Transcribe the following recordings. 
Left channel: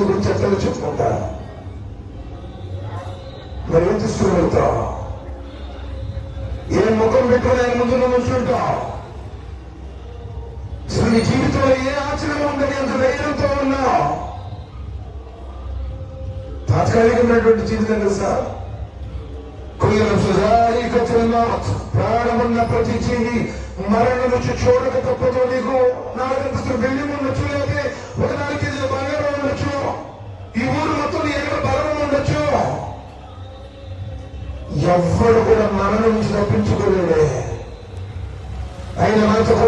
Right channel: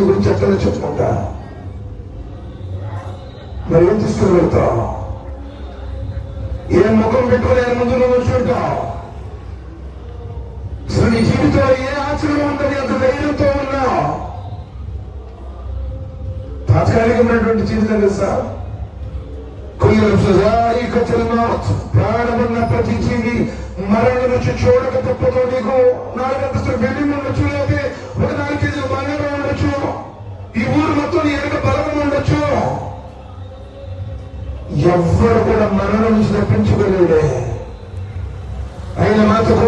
గురించి ఎక్కడ చెప్పుకుంటాను. మరి ఏం తీసుకుని వెళ్తావు? ఏ ముఖం పెట్టుకుని ఆయన ముందు నువ్వు కూర్చుంటావు? అసలు నీ జీవితంలో ఏ ఆచరణ ఉందని అంత ధైర్యంతో ఉన్నావు? తాత్కాలికమైనటువంటి జీవితం తెలుసా? ప్రాణమున్న ప్రతి జీవి మరణం నుంచి చూడక తప్పదో. నీకు 4 అంతస్తులు బిల్డింగ్ ఉండొచ్చు, లేకపోతే ఒక 4 కేజీల బంగారం ఉండొచ్చు, ఈ ఊరు మొత్తం ఎనక బలం ఉండొచ్చు. ఎవ్వరు కూడా మరణం నుంచి తప్పించుకోలేడే. అయిన మాత్రం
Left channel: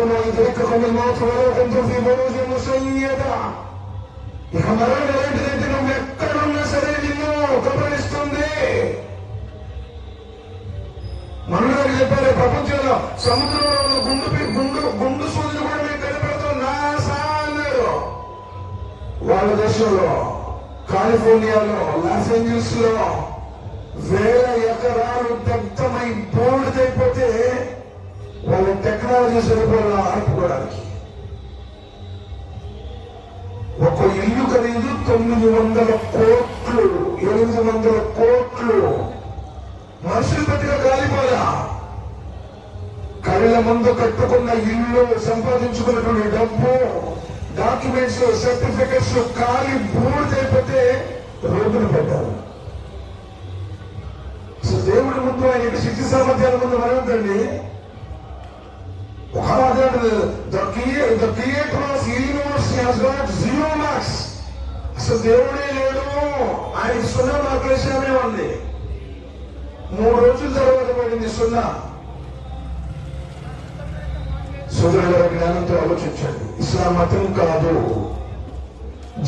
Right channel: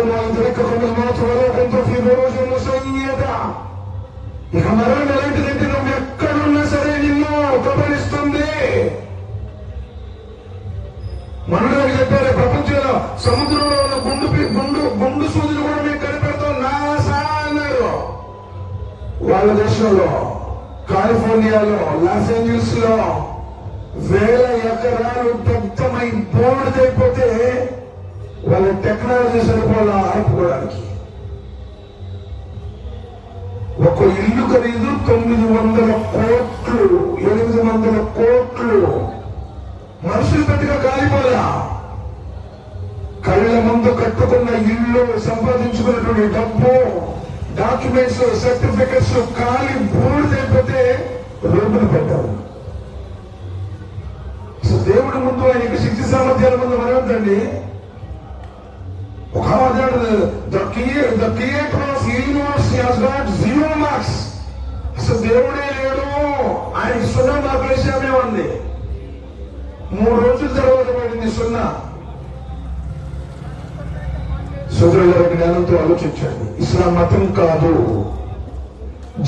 ఇక మరణం ఎలాంటిదంటే నువ్వు ఎక్కడున్నా సరే నిన్ను గమనిస్తుంది. మనగారు చెప్పారు, ప్రపంచంలో సముద్రంలో ఉన్న గుండు సూదులు కూడా మేము కనిపెడతాం నాసా అన్నాడు. వాళ్ళ దేశంలో కాలిఫోర్నియాలో లాస్ ఏంజల్స్ లో వేల ఎకరాలు దగ్ధమై బోర్డుదైపోతే వాళ్ళ టెక్నాలజీ సరిపోయిన ఆపుకోవడానికి. ఒక ఇల్లు ఖరీదు 900 కోట్లు, 800 కోట్లు. మనుషులు బతిగా కాలిపోదా. కళ్ళ ముందు కట్టుకున్న ఇల్లు, సంపాదించుకున్నటువంటి డబ్బు, డాక్యుమెంట్స్, సర్టిఫికెట్స్ కాలి బూడిదైపోతే రోడ్డును పెట్టారు. దేవుడి ముందు ఆయనకి శక్తి సామర్థ్యాల ముందు మనవుతండి. ఒక అసలు దేవుడే లేడు, ఆయన 0 మార్కుల విషయమే ఉంది. 3 రోజుల తర్వాత పడింది 0. సోదరుల జ్ఞానంతో ఆలోచించండి. ఇస్లాం మతం కాదు,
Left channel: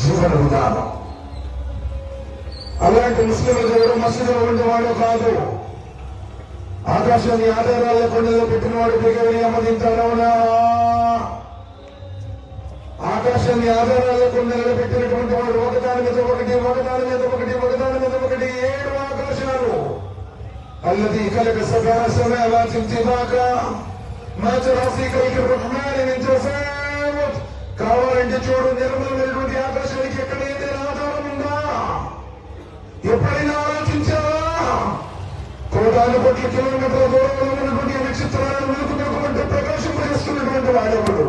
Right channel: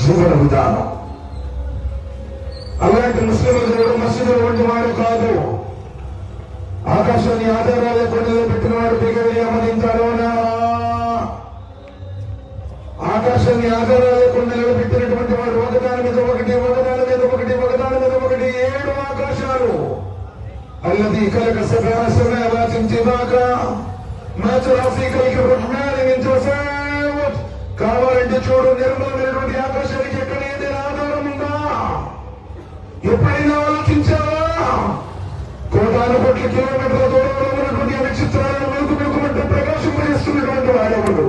జీవన విధానం. అలాంటి ముస్లింలు ఎవరు మసీదులో ఉండేవాడు కాదు. ఆకాశాన్ని ఆధారాలు కొండలో పెట్టిన వాడు దిగవని ఆమోదించారోనా? ఆకాశాన్ని ఆధారాలు కొండ నిలబెట్టినటువంటి వాడు ఒకదాని మీద ఒకటి, ఒకదాని మీద ఒకటి, ఒకదాని మీద ఒకటి 7 ఆకాశాలు. అల్లది కలక సభ్యాసమే ఆలోచించేదాక కావాలంటే చూడు, నిర్మలమైనటువంటి ఆకాశానికి ఎక్కడ ఏదైనా ఆధారం ఉందా? ఎప్పుడైనా ఆలోచించావా? 1,000 కోట్ల కిలోమీటర్ల దూరంలో ఉన్నటువంటి నక్షత్రాలను వెలుగుమంటూ ప్రకాశింపజేస్తున్నటువంటి వాడెవడు?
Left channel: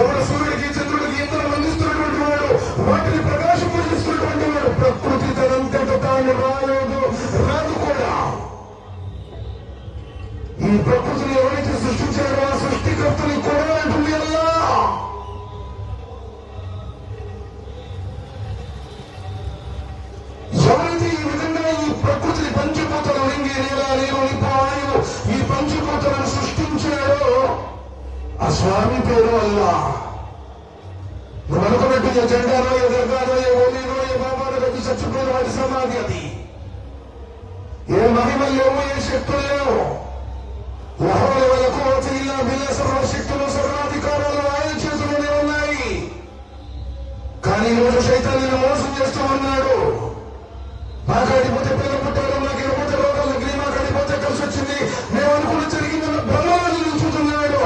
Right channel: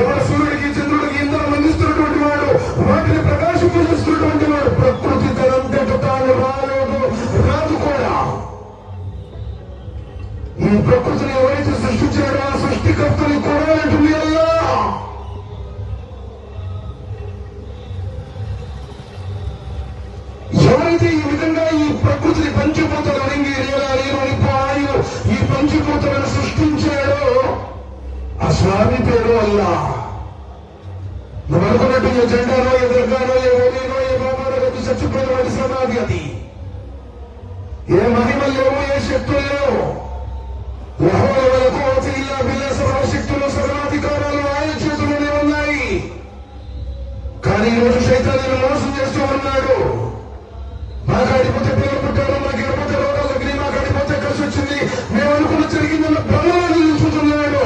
ఎవరు సూర్యుడికి, చంద్రుడికి ఇంధనం అందిస్తున్నటువంటి వాడు, వాటిని ప్రకాశింపజేస్తున్నటువంటి వాడు. ప్రకృతి తనంతట తాను రాదు కూడా. ఈ ప్రకృతిని ఎవరైతే సృష్టించాడో ఆ సృష్టికర్తలు కూడా ఉంటుంది అలా. ఎవరైతే ఈ విధంగా ఈ ప్రకృతిని పంచభూతాలు ఈ పంచభూతాలను సృష్టించాడో ఆ స్వామి పేరు అల్లా. నువ్వు అనుకున్నట్టు ఏ జెండానో, ఏ దర్గానో, ఏ ఓలీనో, ఏ బాబాలో పెట్టి చచ్చిపోయిన వాడి సమాధి అది. ఏ మహిమలు లేవు, ఏ శక్తులు లేవు. సర్వశక్తులు, సర్వాధికారాలు ఆయన చేతుల్లోనే ఉన్నాయి. కానీ ఈరోజు సైతాన్ని మోసం చేస్తూ ఉన్నాడు. మాకాడిపోతే పిల్లలు పుట్టారు, మాకేకపోతే రోగాలు తగ్గి, మాకాడిపోతే కలిసి వచ్చింది, మేము అనుకుని జరిగిందన్న భ్రమలను నిలుచుతున్నాడు.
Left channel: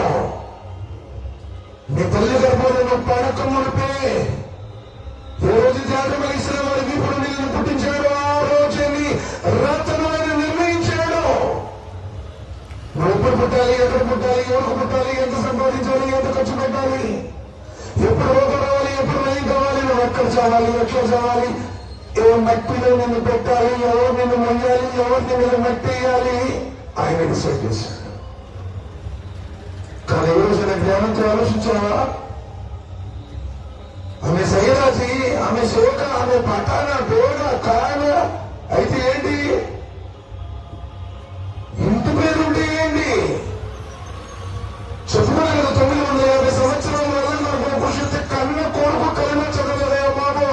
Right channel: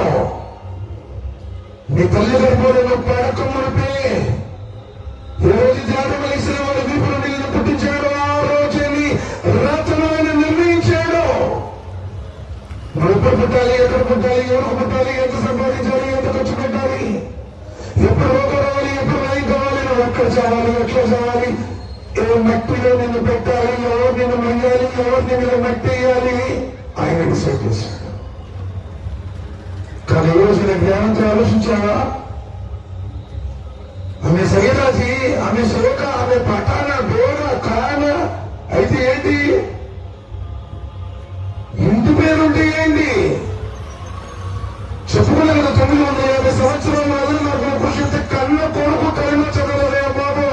మీ తల్లి గర్భంలో పడకమునిపే ఏ రోజు జాగ్రత్తలేసిన వాడి వీపులు నీళ్ళు పుట్టించాడు, ఆ రోజుని రత్నమైన నిర్ణయించాడు. మనం ఎప్పుడు పుట్టాలి, ఎక్కడ పుట్టాలి, ఎవరికి పుట్టాలి, ఎంత సంపాదించాలి, ఎంత ఖర్చు పెట్టాలి, ఎప్పుడు రోగం రావాలి, ఎప్పుడు నయం కావాలి, మనం ఎక్కడ చావాలి, ఎట్లా చావాలి, ఏ మట్టిలో నిన్ను పెట్టాలి, ఎవరు నిన్ను మొయ్యాలి, ఎవరు నిన్ను మట్టి వేయాలి, ఆయన డిసైడ్ చేశాడు. కానీ ఈ రోజు నేను జ్ఞానంతో ఆలోచించావా? ఆమె సయ్యదాసి, ఆమె సోక, ఆమె పటాన, బేగ, ఖరాన అయితే ఏంటి? ఇంటి పేరుంటే ఏంటి? చెప్పుకునే కదా 950 సంవత్సరాల వల్ల నాకు పురుషుడి కన్న కొడుకు కలిమ చదవలే బాబు.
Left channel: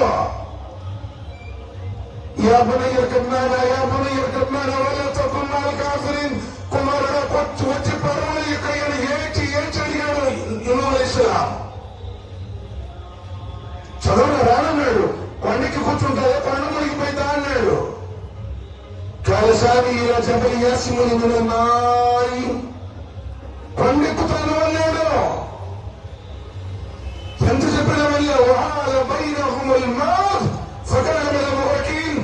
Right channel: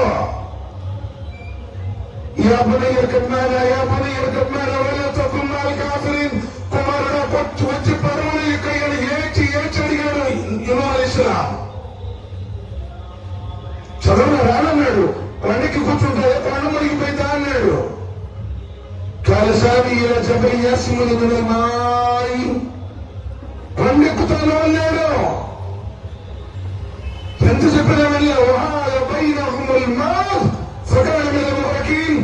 కుమారుడు వచ్చి పడవని ఏడ్చి అడిగాడు యూనుస్. చదవని రానన్నాడు. పండికి కూర్చుంటాయో ప్రాణం మునిగిపోయిందా అన్నాడు. కాలసారి ఇలా జబర్యాసిములు మాయి పండిక్కుతాను అన్నాడు. ఎంత చెప్పినా వెళ్ళావు. బైనహుముల్ మౌత్ ఫకాన మినల్ ముగ్రకీన్.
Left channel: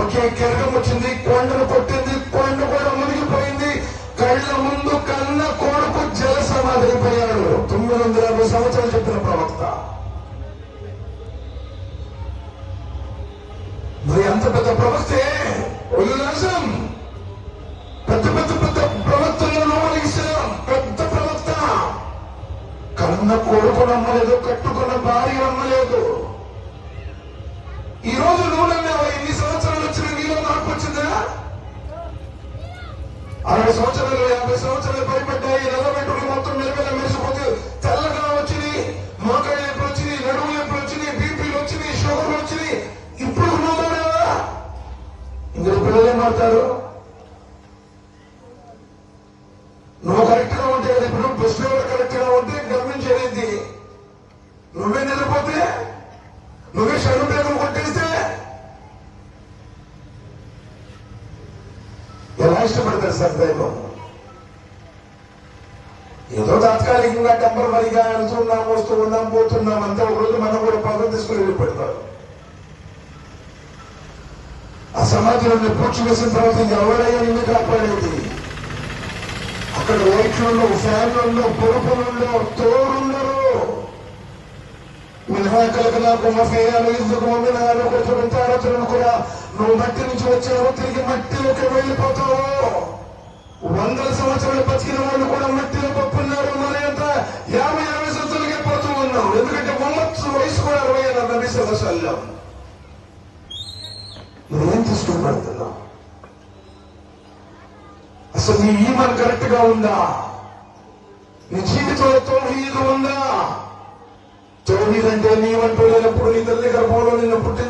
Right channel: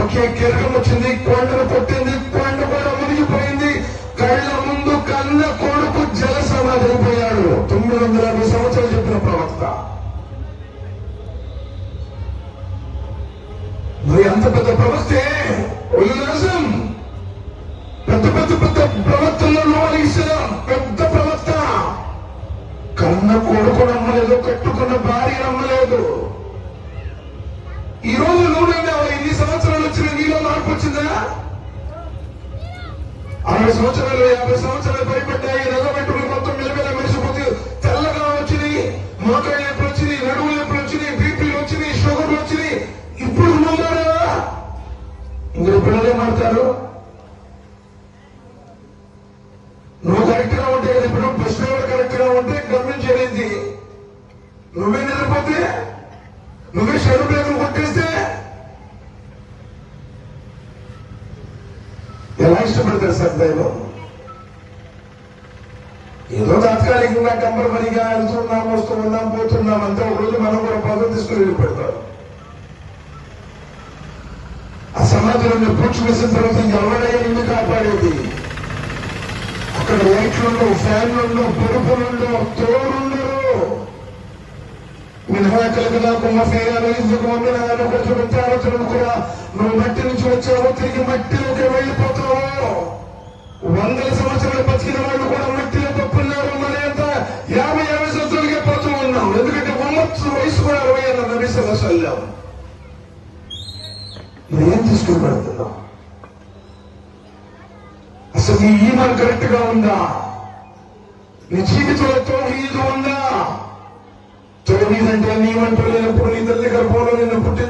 ఒకే కెరకం వచ్చింది, కొండను కొట్టింది, కొండ కూడా మునిగిపోయింది. కళ్ళ ముందు కన్న కొడుకు జల సమాధైపోయాడు. 950 సంవత్సరాలు చెప్పిన ప్రవక్త. మరి అంత పెద్ద ప్రవక్తే ఉల్లాసం, పెద్ద పెద్ద పెద్ద ప్రవక్తలలో ఇస్లాం పెద్ద ప్రవక్త. కన్న కొడుకు నమ్మలేదు, కట్టుకున్న భార్య నమ్మలేదు. ఈ రోజు నువ్వు నమ్మావా? ఇన్ని సంవత్సరాలు వచ్చిన నీలో మార్పు వచ్చిందా? 60 సంవత్సరాలు 50 సంవత్సరాలు భయపడ్డాయి. నల్లబెట్టుకుని మొత్తం నిలబెల మనిషిపోతే తెల్లగా వచ్చినాయి, మోకాళ్ళ నొప్పులు వచ్చినాయి, నడుము నొప్పులు వచ్చినాయి, బీపీలు వచ్చినాయి, షుగర్లు వచ్చినాయి. ఇప్పుడు నువ్వు మారావా? ఇందులో పిల్లలే మారుతారు. నువ్వు కరెక్ట్ గా ఉంటే, ఇప్పుడు ప్రశ్నలు కరెక్ట్ గా ఉంటే గమనించేది. నువ్వే నిలబోతే, నువ్వే శరీరం కొట్టేస్తే ఎలా ఇష్టపడతారు సార్ దైవం? ఏదో తాత్కాలికంగా కంపల్సరీగా వెళ్తున్నాం, వస్తూ ఉన్నాం, పోతున్నాం అంతా. ఒక రోజు మనం కూడా పదవి తీసుకుని వెళ్ళిపెడతారు. ఆ సమాజంలో పూడ్చి వేసిన తర్వాత ఎవరైనా ఇల్లు కాపాడేది? అక్కడ లైట్లలో, ఫ్యాన్లలో, పొరుపులలో, తోడులలో కూడా నువ్వు మట్టి నుంచి వచ్చావు, తిరిగి మట్టిలోకి వెళ్ళిపోతావు. 100 సంవత్సరాలు బతికిన వాళ్ళు కూడా మట్టిలో పప్పున్నారు. మరి అంత 50-60 సంవత్సరాలకే పడుతూ ఉన్నాం. ఎందుకంటే మొహమ్మద్ వయసు కూడా 60 అన్నారు నబీ సల్లల్లాహు అలైహి వసల్లం. నువ్వేం తీసుకుంటున్నావు? అసలు నీ ఈమాన్ కరెక్ట్ గా ఉందా? నీ జీవితంలో తౌహీద్ ఉందా? తౌహీద్ అంటే నీవంటూ లేనప్పుడు ఇద్దరి దగ్గర